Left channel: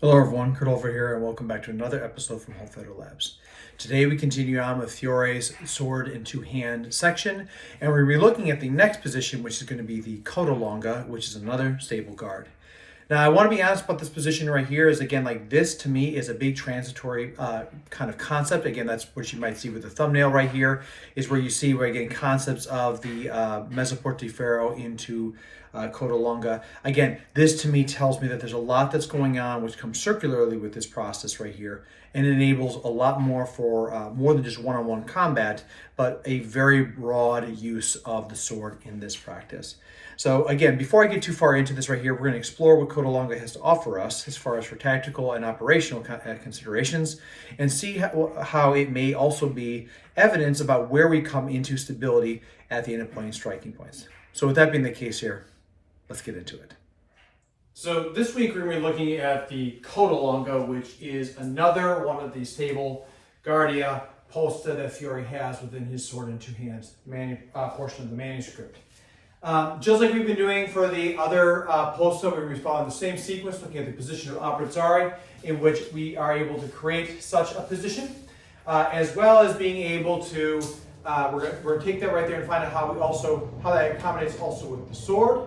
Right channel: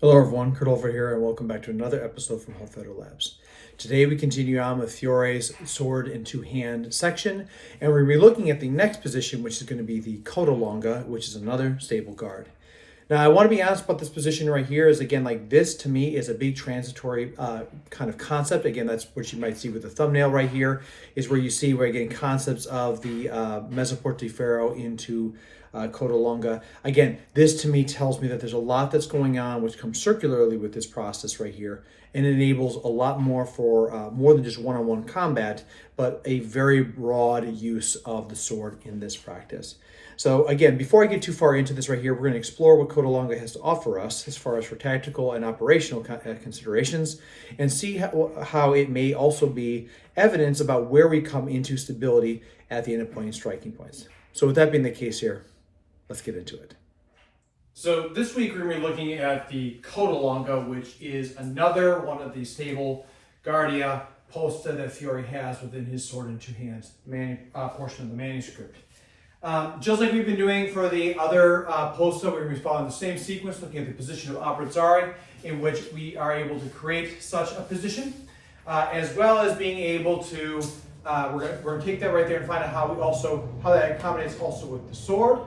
Hello everyone, Kurt over here, and welcome back to another episode from Whole Feather Labs. Today we continue on with Fiore's sword and two-hand section, and we're looking at the next position, which is going to be the Coda Longa, which is another stable guard. Now, I want to be honest about this position right here is, again, like this to me is a big transitory kind of concept. Again, that's what you might see with the thumbnail right here, is where you see we're getting concepts of the Portaferro into Coda Longa. Again, this to me tells me that there's a lot that's going on which comes circularly with this process right here, and it enables a lot more for more than just one-on-one combat, but a very broad use of the sword in this practice. So again, before I get too far into this right here, we're going to explore what Coda Longa has to offer us as far as for tactical and operational considerations, and see how it may also be evidence about where we come into stability at the end point and striking points. So with that being the case here, let's get into it. So this week we're going to be looking at the Coda Longa, which is another one of the stable Guardia posta that Fiore has within his sword and two hands portion of the manuscript. Just like we've been doing for the other posta, we're going to be following the same sequence, looking at the position of Abruzzare, in which we are able to create such a position, as well as being able to, we're going to take that right there and find out how that accommodates also with the sword.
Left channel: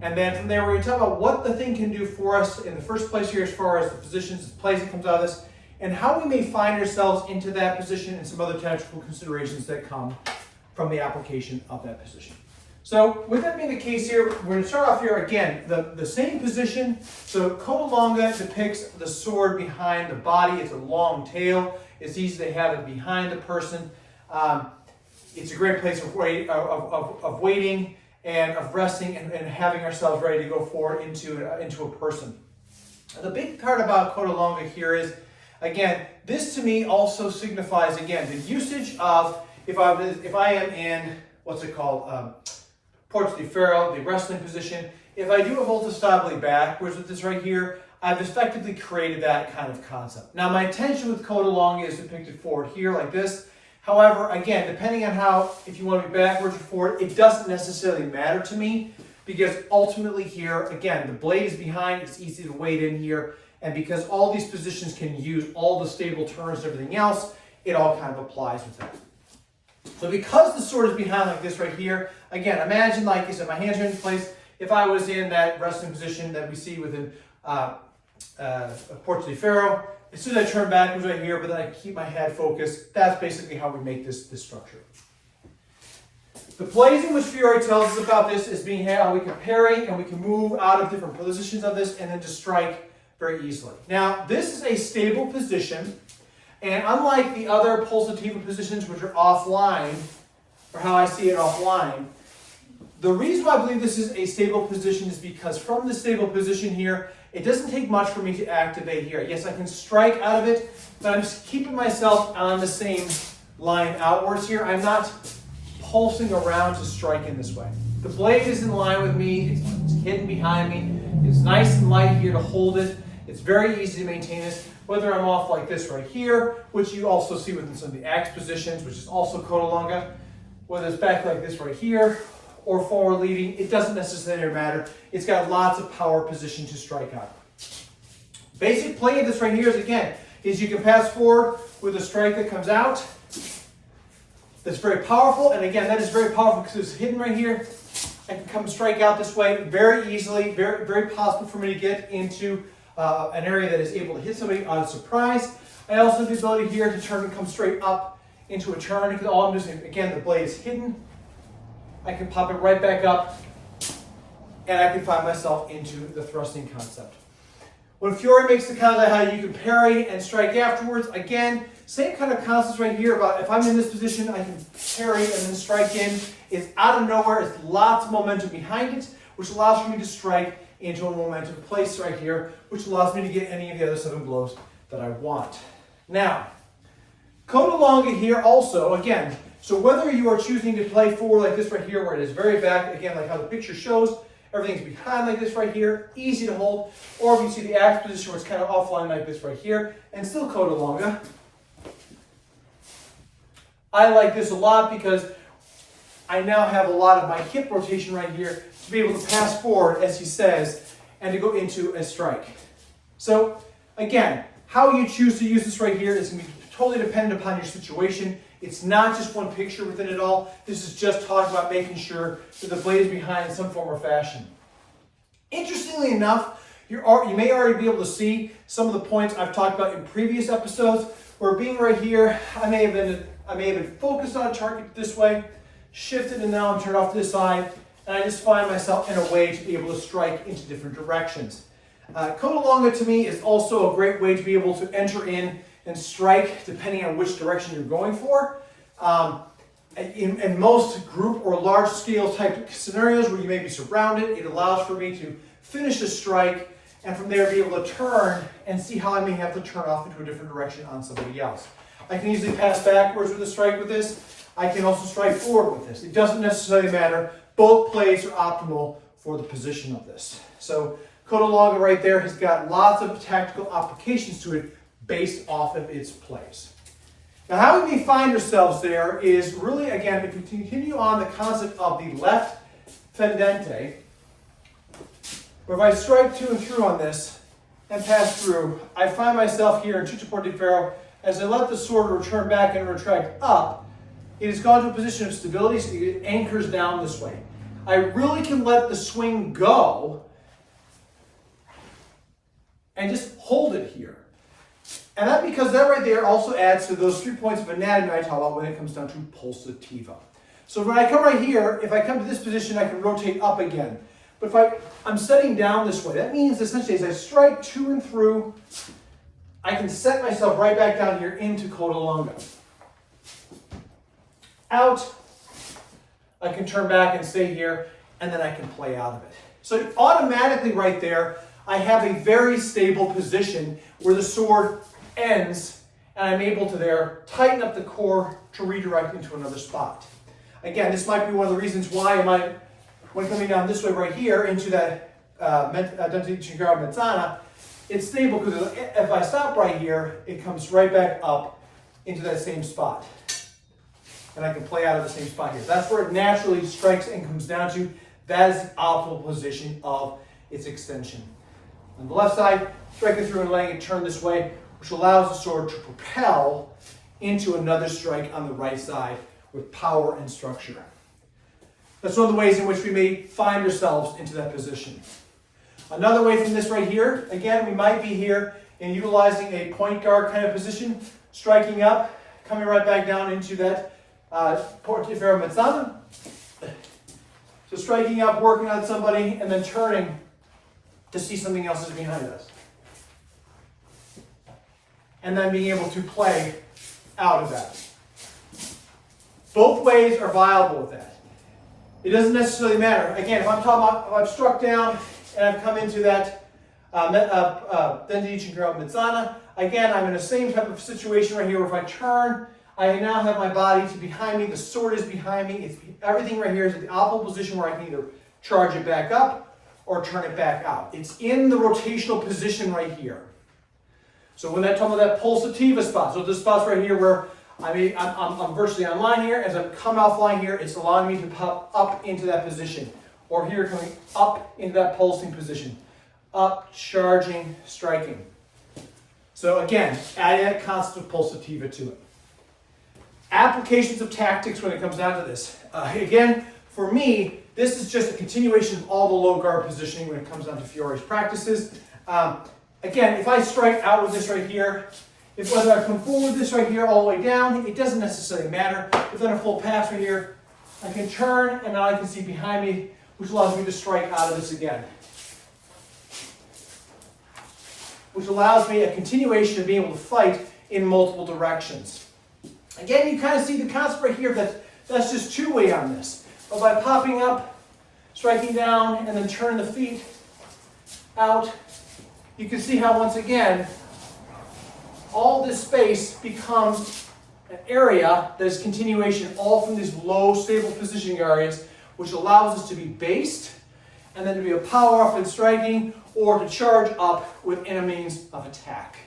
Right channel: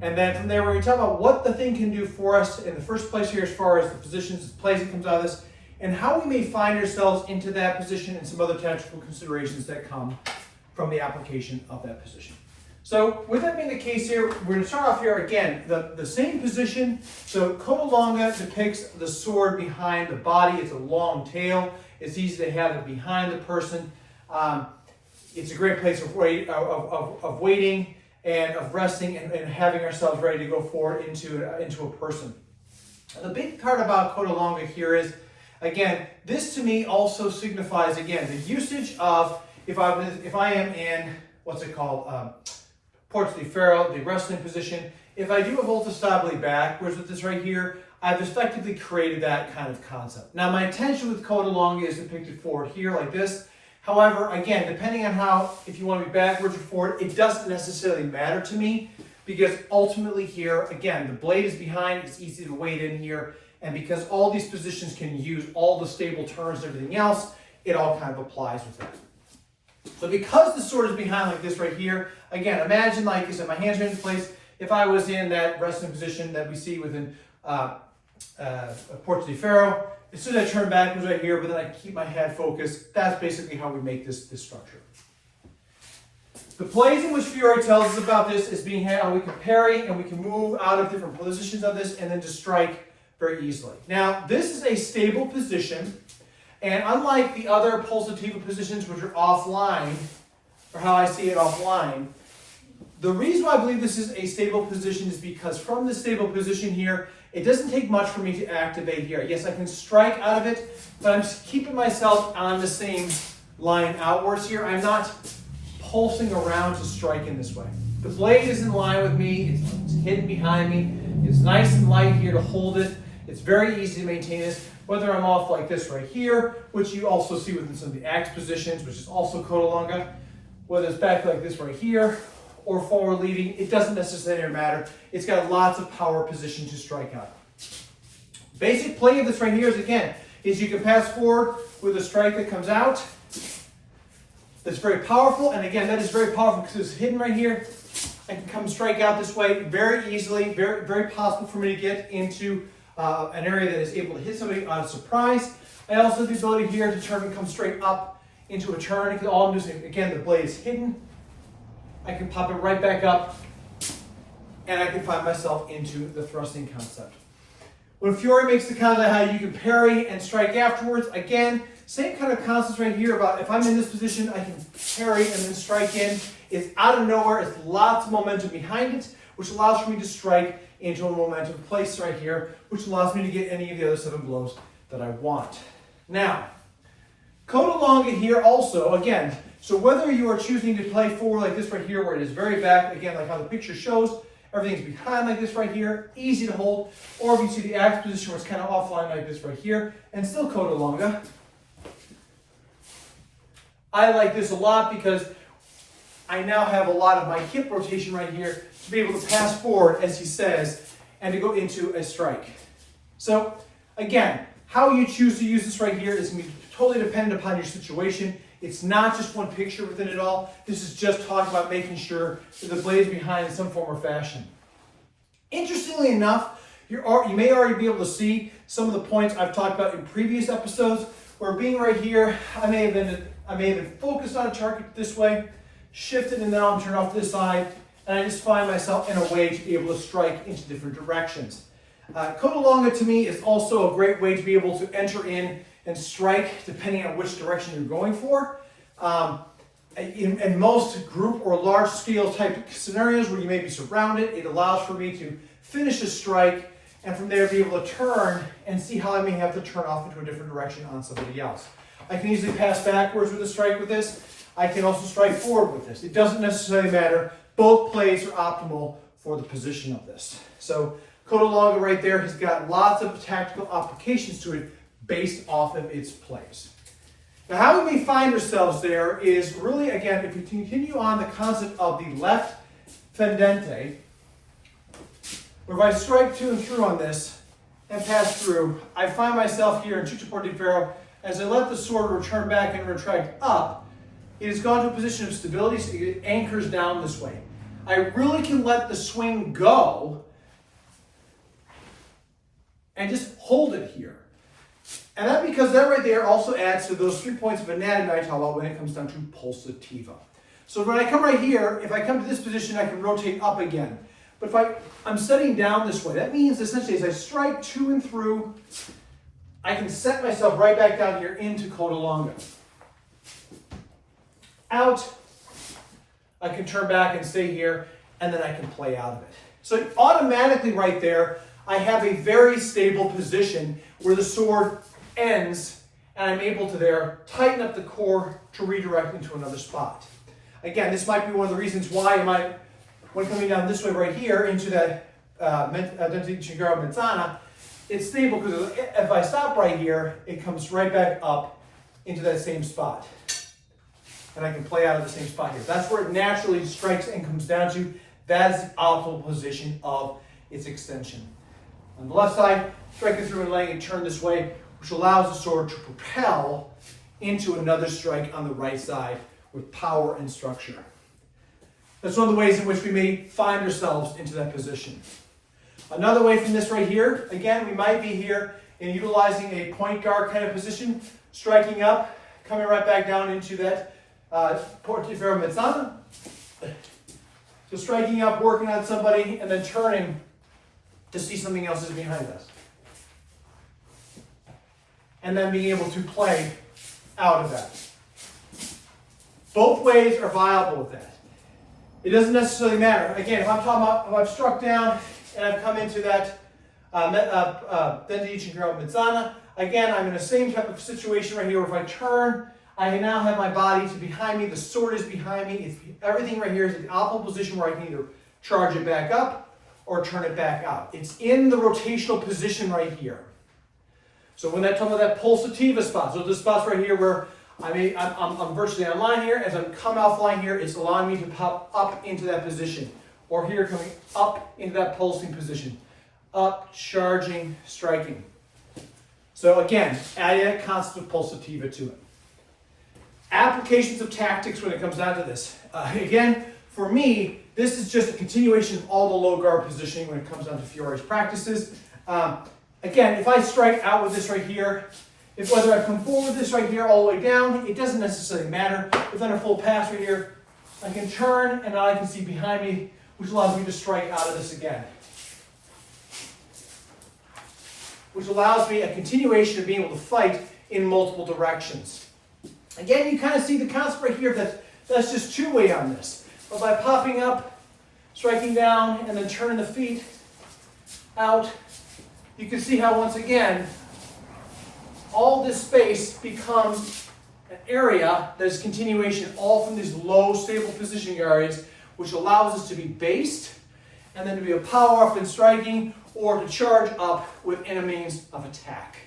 And then from there, we're going to talk about what the thing can do for us in the first place here as far as the positions, the plays that comes out of this, and how we may find ourselves into that position and some other tactical considerations that come from the application of that position. So with that being the case here, we're going to start off here again, the same position. So Coda Longa depicts the sword behind the body. It's a long tail. It's easy to have it behind the person. It's a great place of waiting and of resting and having ourselves ready to go forward into a person. And the big part about Coda Longa here is, again, this to me also signifies, again, the usage of, if I am in, what's it called, Portaferro, the wrestling position. If I do a volta stabile backwards with this right here, I've effectively created that kind of concept. Now, my intention with Coda Longa is depicted forward here like this. However, again, depending on how, if you want to be backwards or forward, it doesn't necessarily matter to me, because ultimately here, again, the blade is behind, it's easy to wade in here, and because all these positions can use all the stable turns and everything else, it all kind of applies with that. So because the sword is behind like this right here, again, imagine, like I said, my hands are in place. If I was in that resting position that we see within Portaferro, as soon as I turn backwards right here, but then I keep my head focused, that's basically how we make this structure. The plays in which Fiore tells us about this is being how we can parry and we can move out of different positions of this and then just strike very easily. Now, this is a stable position. And unlike the other pulsativa positions, which are offline, or how I see it offline, the reason why I believe this is a stable position is because from the stable position here, it doesn't take much for me to activate here. Yes, I can strike out of it, but I'm just keeping myself on the same line outwards here. I'm not pulsing around to strike in this way. The blade is in line with me. It's hidden behind me. It's nice and light here to hold it. It's very easy to maintain this. Whether I'm off like this right here, which you also see within some of the axe positions, which is also Coda Longa, whether it's back like this right here, or forward leading, it doesn't necessarily matter. It's got lots of power position to strike out. Basic play of this right here is you can pass forward with a strike that comes out. That's very powerful, and again, that is very powerful because it's hidden right here. I can come strike out this way very easily, very, very possible for me to get into an area that is able to hit somebody on a surprise. I also have the ability here to turn and come straight up into a turn, because all I'm doing, again, the blade is hidden. I can pop it right back up, and I can find myself into the thrusting concept. When Fiore makes the concept how you can parry and strike afterwards, again, same kind of concept right here about if I'm in this position, I can parry and then strike in. It's out of nowhere, it's lots of momentum behind it, which allows for me to strike into a momentum place right here, which allows me to get any of the other 7 blows that I want. Now, Coda Longa here also, again, so whether you are choosing to play forward like this right here, where it is very back, again, like how the picture shows, everything's behind like this right here, easy to hold, or if you see the axe position where it's kind of offline like this right here, and still Coda Longa. I like this a lot because I now have a lot of my hip rotation right here to be able to pass forward, as he says, and to go into a strike. So Again, how you choose to use this right here is going to be totally dependent upon your situation. It's not just one picture within it all. This is just talking about making sure that the blade is behind in some form or fashion. Interestingly enough, you may already be able to see some of the points I've talked about in previous episodes, where being right here, I may have been focused on a target this way, shifted, and now I'm turned off to this side, and I just find myself in a way to be able to strike into different directions. Coda Longa to me is also a great way to be able to enter in and strike depending on which direction you're going for. In most group or large scale type scenarios where you may be surrounded, it allows for me to finish a strike and from there be able to turn and see how I may have to turn off into a different direction on somebody else. I can easily pass backwards with a strike with this. I can also strike forward with this. It doesn't necessarily matter. Both plays are optimal for the position of this. So Coda Longa right there has got lots of tactical applications to it based off of its plays. Now, how we find ourselves there is really, again, if we continue on the concept of the left fendente, where if I strike to and through on this and pass through, I find myself here in tutto di ferro. As I let the sword return back and retract up, it has gone to a position of stability, so it anchors down this way. I really can let the swing go and just hold it here. And that because that right there also adds to those 3 points of anatomy I talk about when it comes down to pulsativa. So when I come right here, if I come to this position, I can rotate up again. But if I'm setting down this way, that means essentially as I strike to and through, I can set myself right back down here into Coda Longa. Out, I can turn back and stay here, and then I can play out of it. So automatically right there, I have a very stable position where the sword ends, and I'm able to there tighten up the core to redirect into another spot. Again, this might be one of the reasons why when coming down this way right here into that dynamically mezzana, it's stable because if I stop right here, it comes right back up into that same spot. And I can play out of the same spot here. That's where it naturally strikes and comes down to. That is the optimal position of its extension. On the left side, striking through and letting it turn this way, which allows the sword to propel into another strike on the right side with power and structure. That's one of the ways in which we may find ourselves into that position. Another way from this right here, again, we might be here in utilizing a point guard kind of position, striking up, coming right back down into that portiferro mezzana. So striking up, working on somebody, and then turning to see something else is behind us. And then being able to play out of that. Both ways are viable with that. It doesn't necessarily matter. Again, if I'm talking about, if I've struck down and I've come into that dynamically mezzana, again, I'm in the same type of situation right here where if I turn, I now have my body to behind me, the sword is behind me, everything right here is in the optimal position where I can either charge it back up or turn it back out. It's in the rotational position right here. So when I talk about that pulsativa spot, so this spot's right here where I'm virtually on line here. As I come offline here, it's allowing me to pop up into that position. Or here, coming up into that pulsing position. Up, charging, striking. So again, adding that concept of pulsativa to it. Applications of tactics when it comes down to this. Again, for me, this is just a continuation of all the low guard positioning when it comes down to Fiore's practices. Again, if I strike out with this right here, whether I come forward with this right here all the way down, it doesn't necessarily matter. If I'm a full pass right here, I can turn and now I can see behind me, which allows me to strike out of this again. Which allows me a continuation of being able to fight in multiple directions. Again, you kind of see the concept right here that's just two-way on this. But by popping up, striking down, and then turning the feet out, you can see how once again, all this space becomes an area that is continuation all from these low stable positioning areas, which allows us to be based and then to be a power up in striking or to charge up within a means of attack.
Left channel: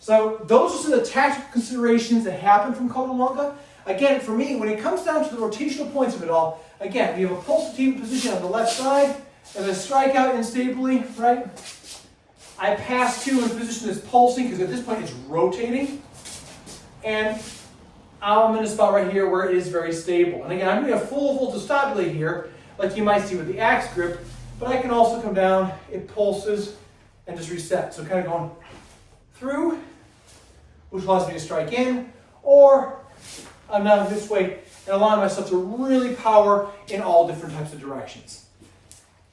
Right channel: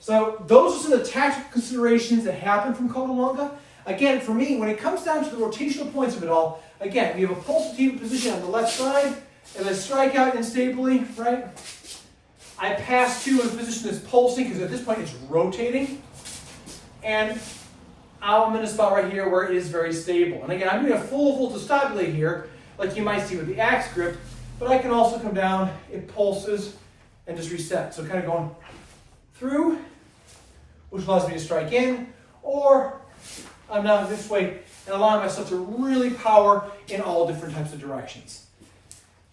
So those are some of the tactical considerations that happen from Coda Longa. Again, for me, when it comes down to the rotational points of it all, again, we have a pulsative position on the left side, and I strike out instably, right? I pass two in position that's pulsing, because at this point it's rotating. And I'm in a spot right here where it is very stable. And again, I'm doing a full voltage stop delay here, like you might see with the axe grip, but I can also come down, it pulses, and just reset. So kind of going through, which allows me to strike in, or I'm now this way and allowing myself to really power in all different types of directions.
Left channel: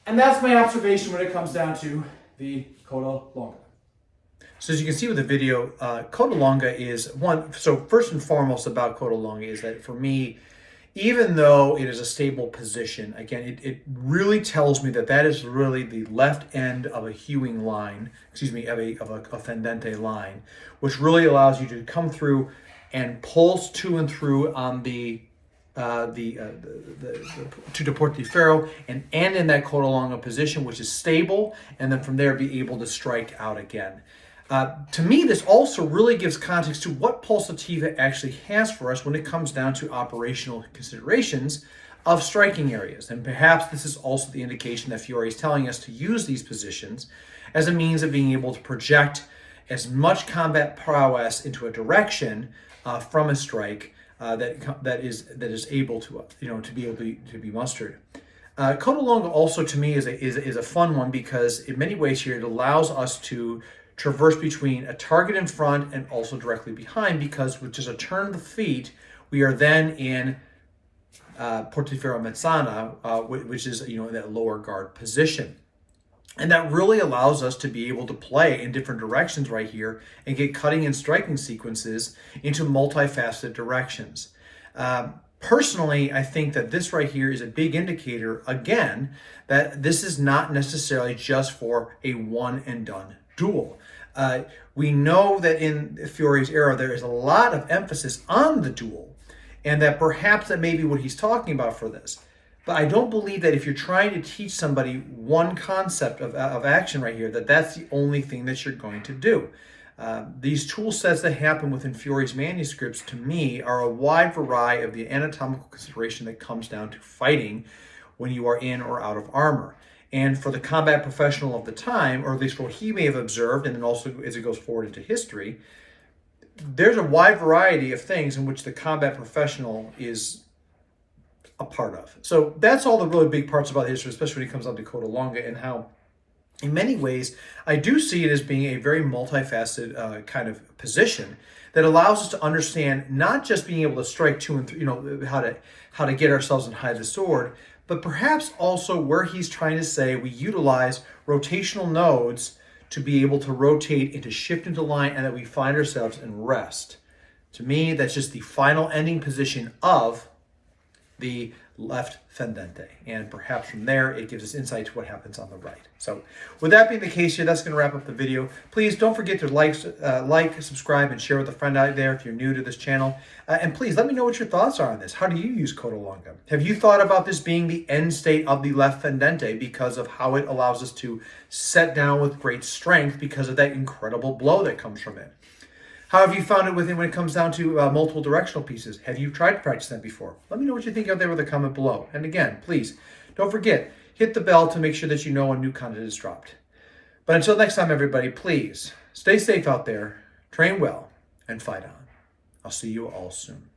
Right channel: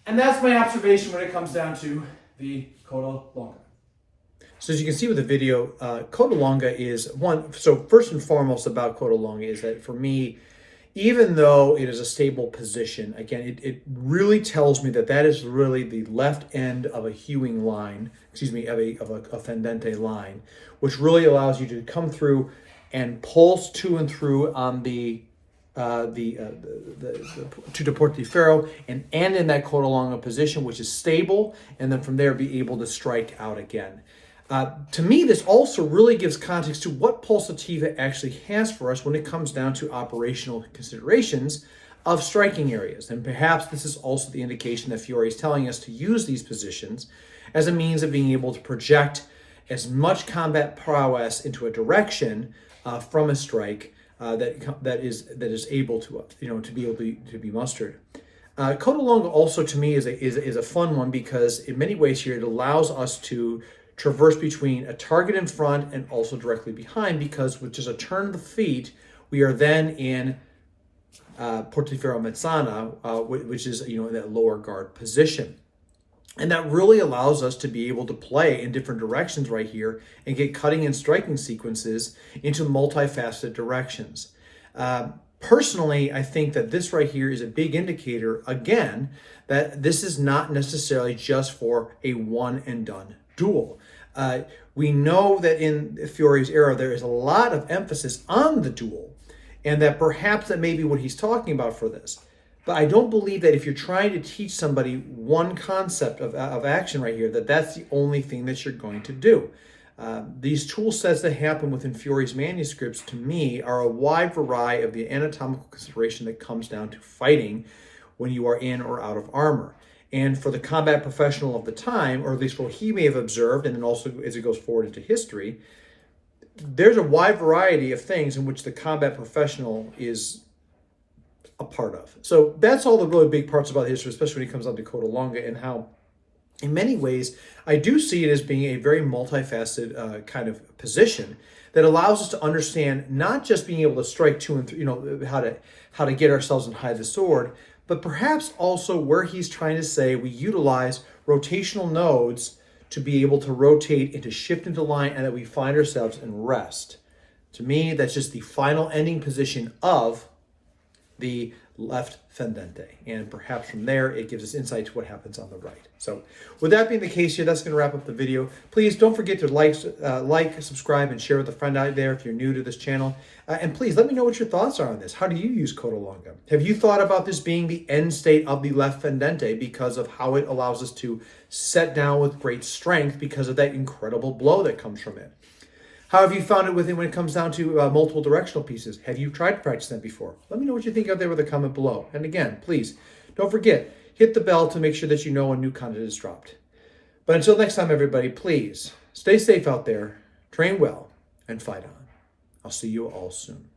And that's my observation when it comes down to the Coda Longa. So as you can see with the video, Coda Longa is one. So first and foremost about Coda Longa is that for me, even though it is a stable position, again, it really tells me that that is really the left end of a hewing line, excuse me, of a fendente line, which really allows you to come through and pulse to and through on to deport the Fiore and end in that Coda Longa position, which is stable, and then from there be able to strike out again. To me, this also really gives context to what pulsativa actually has for us when it comes down to operational considerations of striking areas. And perhaps this is also the indication that Fiore is telling us to use these positions as a means of being able to project as much combat prowess into a direction from a strike that is able to to be mustered. Coda Longa also to me is a fun one, because in many ways here it allows us to traverse between a target in front and also directly behind, because with just a turn of the feet, we are then in portaferro mezzana, which is in that lower guard position. And that really allows us to be able to play in different directions right here and get cutting and striking sequences into multifaceted directions. Personally, I think that this right here is a big indicator, again, that this is not necessarily just for a one and done duel. We know that in Fiore's era, there is a lot of emphasis on the duel, and that perhaps that may be what he's talking about for this. But I don't believe that if you're trying to teach somebody one concept of action right here, that that's the only thing that you're going to do. These tool sets that happen within Fiore's manuscripts, to me, are a wide variety of the anatomical consideration that comes down to fighting when you are in or out of armor. And for the combat professional of the time, or at least for what he may have observed, and then also as it goes forward into history, there's a wide variety of things in which the combat professional is a part of. So that's all the really big parts about history, especially when it comes down to Coda Longa, and how in many ways I do see it as being a very multifaceted kind of position that allows us to understand not just being able to strike two and three, how to get ourselves and hide the sword, but perhaps also where he's trying to say we utilize rotational nodes to be able to rotate and to shift into line, and that we find ourselves in rest. To me, that's just the final ending position of the left fendente, and perhaps from there it gives us insight to what happens on the right. So with that being the case here, that's going to wrap up the video. Please don't forget to like, subscribe, and share with a friend out there if you're new to this channel. And please let me know what your thoughts are on this. How do you use Coda Longa? Have you thought about this being the end state of the left fendente because of how it allows us to set down with great strength because of that incredible blow that comes from it? How have you found it when it comes down to multiple directional pieces? Have you tried to practice that before? Let me know what you think out there with a comment below. And again, please, don't forget, hit the bell to make sure that you know when new content is dropped. But until next time, everybody, please stay safe out there, train well, and fight on. I'll see you all soon.